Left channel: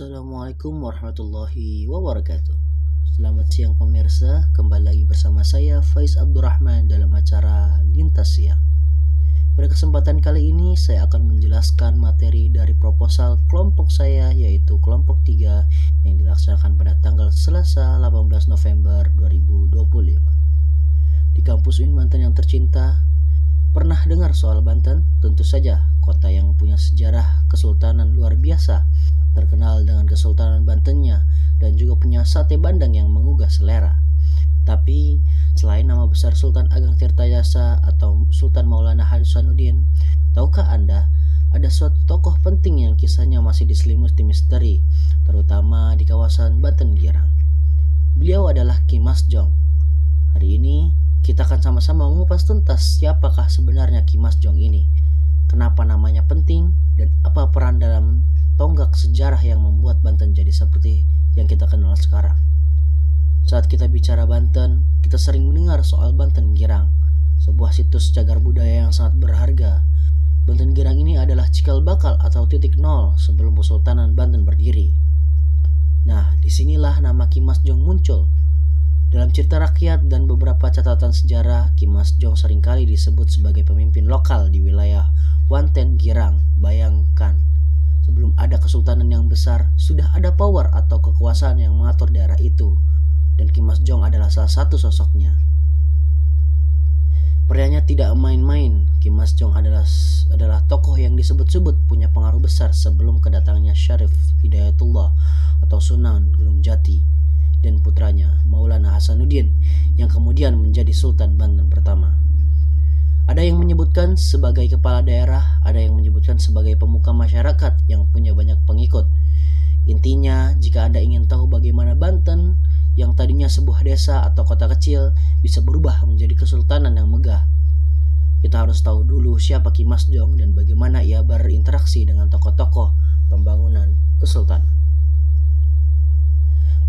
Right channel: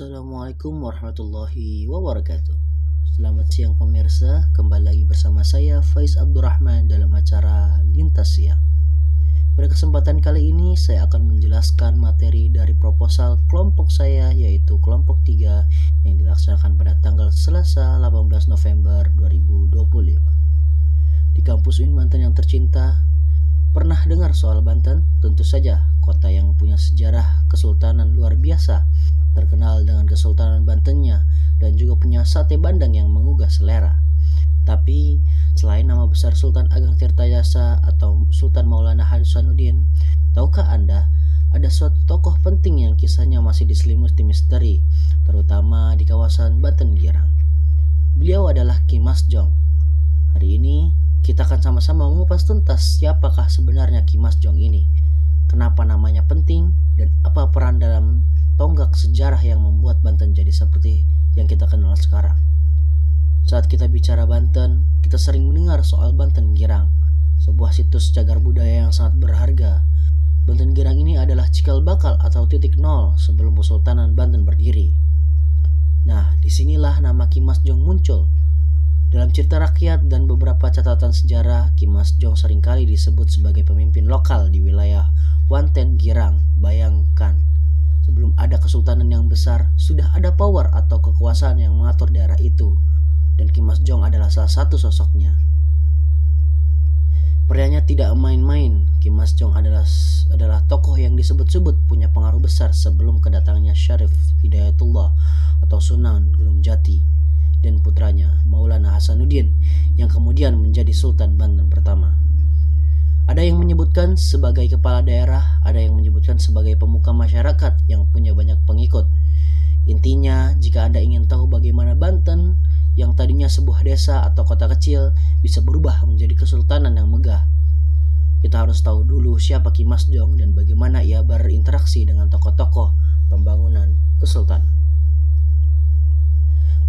Assalamualaikum warahmatullahi wabarakatuh. Selamat siang pemirsa, kembali lagi bersama saya Faiz Abdurrahman dalam acara Lintas Siang. Pada kesempatan kali ini saya akan menjelaskan materi dari proposal kelompok saya, yaitu kelompok 3 yang dilaksanakan pada tanggal Selasa 18 November 2025. Di kampus UIN Banten yang tercinta, pernah dengar soal Banten? Tentu saja, kota yang punya sejarah kesultanan luar biasa, terkenal dengan Kesultanan Bantennya, dan juga punya sate bandang yang menggugah selera. Tapi, selain nama besar Sultan Ageng Tirtayasa atau Sultan Maulana Hasanuddin, tahukah Anda ada suatu tokoh penting yang kisahnya masih diselimuti misteri, terutama di kawasan Banten Girang? Beliau adalah Ki Mas Jong. Hari ini, kita akan sama-sama mengupas tuntas siapakah sebenarnya Ki Mas Jong ini, kenapa namanya penting, dan apa peran dalam tonggak sejarah yang membuat Banten jadi seperti yang kita kenal sekarang. Saat kita bicara Banten, kita sering mendengar soal Banten Girang, sebuah situs cagar budaya yang sangat berharga. Banten Girang ini adalah cikal bakal atau titik nol sebelum Kesultanan Banten berdiri. Nah, disinilah nama Ki Mas Jong muncul. Dalam cerita rakyat dan beberapa catatan sejarah, Ki Mas Jong seringkali disebut sebagai pemimpin lokal di wilayah Wanten Girang. Bayangkan, sebelum ada kesultanan yang besar, sudah ada power atau kekuasaan yang mengatur daerah itu, dan Ki Mas Jong adalah salah satu sosoknya. Prianya tidak main-main. Ki Mas Jong adalah tokoh yang disebut-sebut punya pengaruh besar sebelum kedatangannya Syarif Hidayatullah atau Sunan Gunung Jati dan putranya Maulana Hasanuddin yang kemudian menjadi Sultan Banten pertama. Ada yang menyebutkan sebagai kepala daerah, ada yang menyebutkan sebagai pemuka masyarakat yang punya banyak pengikut. Intinya, jika Anda ingin tahu bagaimana Banten yang tadinya sebuah desa atau kota kecil bisa berubah menjadi kesultanan yang megah, kita harus tahu dulu siapa Ki Mas Jong dan bagaimana ia berinteraksi dengan tokoh-tokoh pembangunan kesultanan.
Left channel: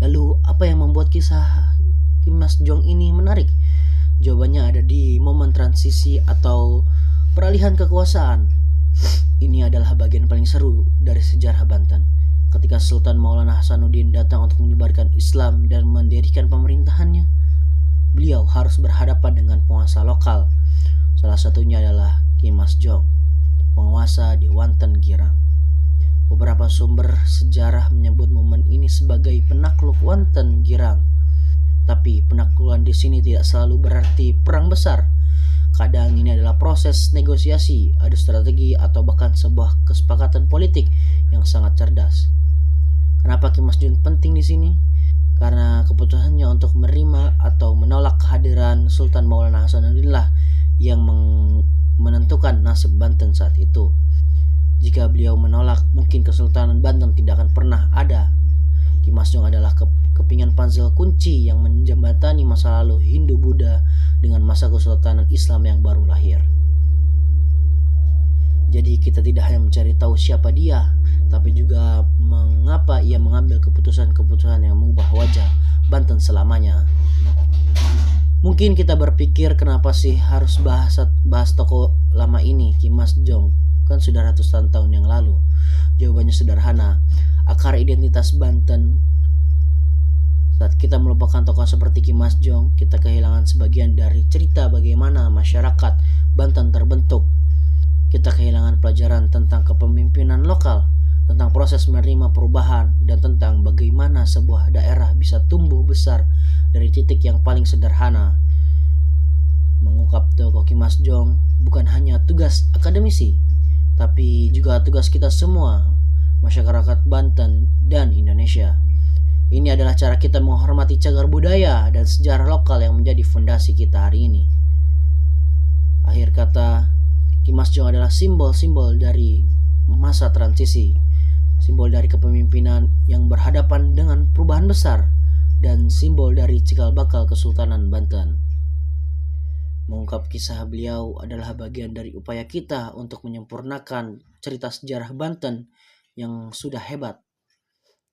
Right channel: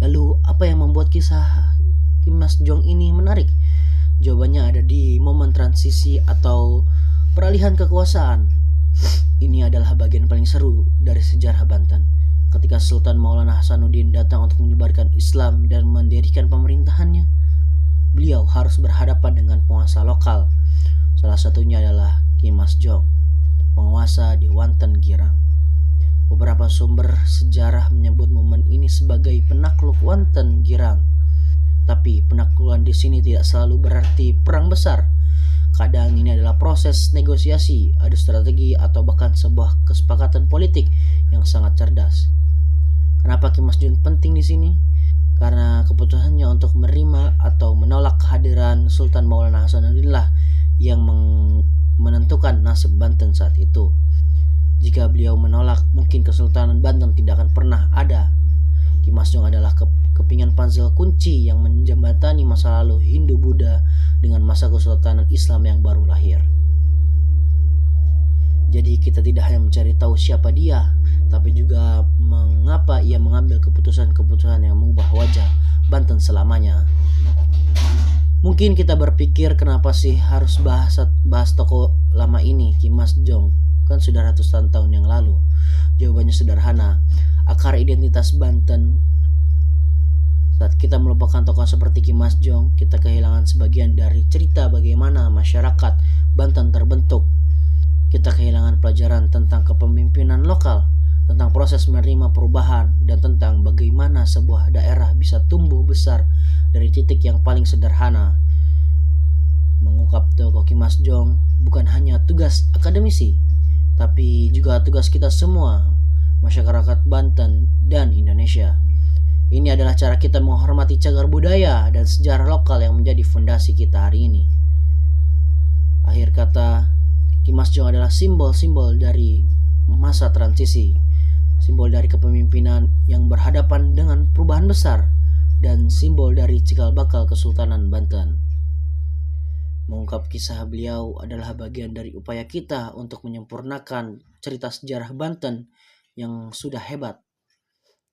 Lalu, apa yang membuat kisah Ki Mas Jong ini menarik? Jawabannya ada di momen transisi atau peralihan kekuasaan. Ini adalah bagian paling seru dari sejarah Banten. Ketika Sultan Maulana Hasanuddin datang untuk menyebarkan Islam dan mendirikan pemerintahannya, beliau harus berhadapan dengan penguasa lokal. Salah satunya adalah Ki Mas Jong, penguasa di Wanten Girang. Beberapa sumber sejarah menyebut momen ini sebagai penakluk Wanten Girang. Tapi penaklukan di sini tidak selalu berarti perang besar. Kadang ini adalah proses negosiasi, adu strategi, atau bahkan sebuah kesepakatan politik yang sangat cerdas. Kenapa Ki Mas Jong penting di sini? Karena keputusannya untuk menerima atau menolak kehadiran Sultan Maulana Hasanuddin lah yang menentukan nasib Banten saat itu. Jika beliau menolak, mungkin Kesultanan Banten tidak akan pernah ada. Ki Mas Jong adalah kepingan puzzle kunci yang menjembatani masa lalu Hindu-Buddha dengan masa Kesultanan Islam yang baru lahir. Jadi kita tidak hanya mencari tahu siapa dia, tapi juga mengapa ia mengambil keputusan-keputusan yang mengubah wajah Banten selamanya. Mungkin kita berpikir kenapa sih harus bahas tokoh lama ini, Ki Mas Jong? Kan sudah ratusan tahun yang lalu. Jawabannya sederhana, akar identitas Banten. Saat kita melupakan tokoh seperti Ki Mas Jong, kita kehilangan sebagian dari cerita bagaimana masyarakat Banten terbentuk. Kita kehilangan pelajaran tentang kepemimpinan lokal, tentang proses menerima perubahan, dan tentang bagaimana sebuah daerah bisa tumbuh besar dari titik yang paling sederhana. Mengungkap tokoh Ki Mas Jong bukan hanya tugas akademisi, tapi juga tugas kita semua, masyarakat Banten dan Indonesia. Ini adalah cara kita menghormati cagar budaya dan sejarah lokal yang menjadi fondasi kita hari ini. Akhir kata, Ki Mas Jong adalah simbol-simbol dari masa transisi, simbol dari kepemimpinan yang berhadapan dengan perubahan besar, dan simbol dari cikal bakal Kesultanan Banten. Mengungkap kisah beliau adalah bagian dari upaya kita untuk menyempurnakan cerita sejarah Banten yang sudah hebat.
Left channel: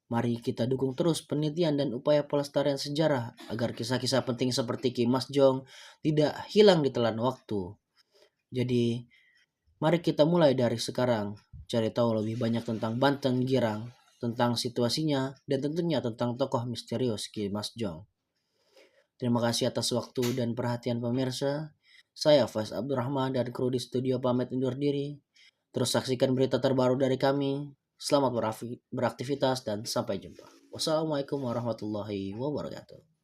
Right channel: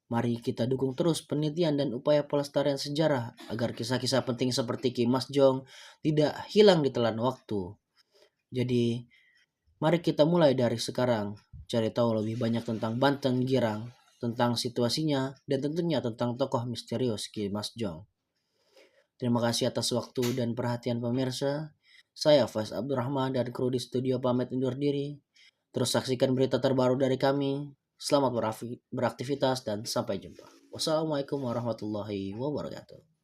Mari kita dukung terus penelitian dan upaya pelestarian sejarah agar kisah-kisah penting seperti Ki Mas Jong tidak hilang di telan waktu. Jadi, mari kita mulai dari sekarang, cari tahu lebih banyak tentang Banten Girang tentang situasinya, dan tentunya tentang tokoh misterius Ki Mas Jong. Terima kasih atas waktu dan perhatian pemirsa. Saya Faiz Abdurrahman dan kru di studio pamit undur diri. Terus saksikan berita terbaru dari kami. Selamat beraktivitas dan sampai jumpa. Wassalamualaikum warahmatullahi wabarakatuh.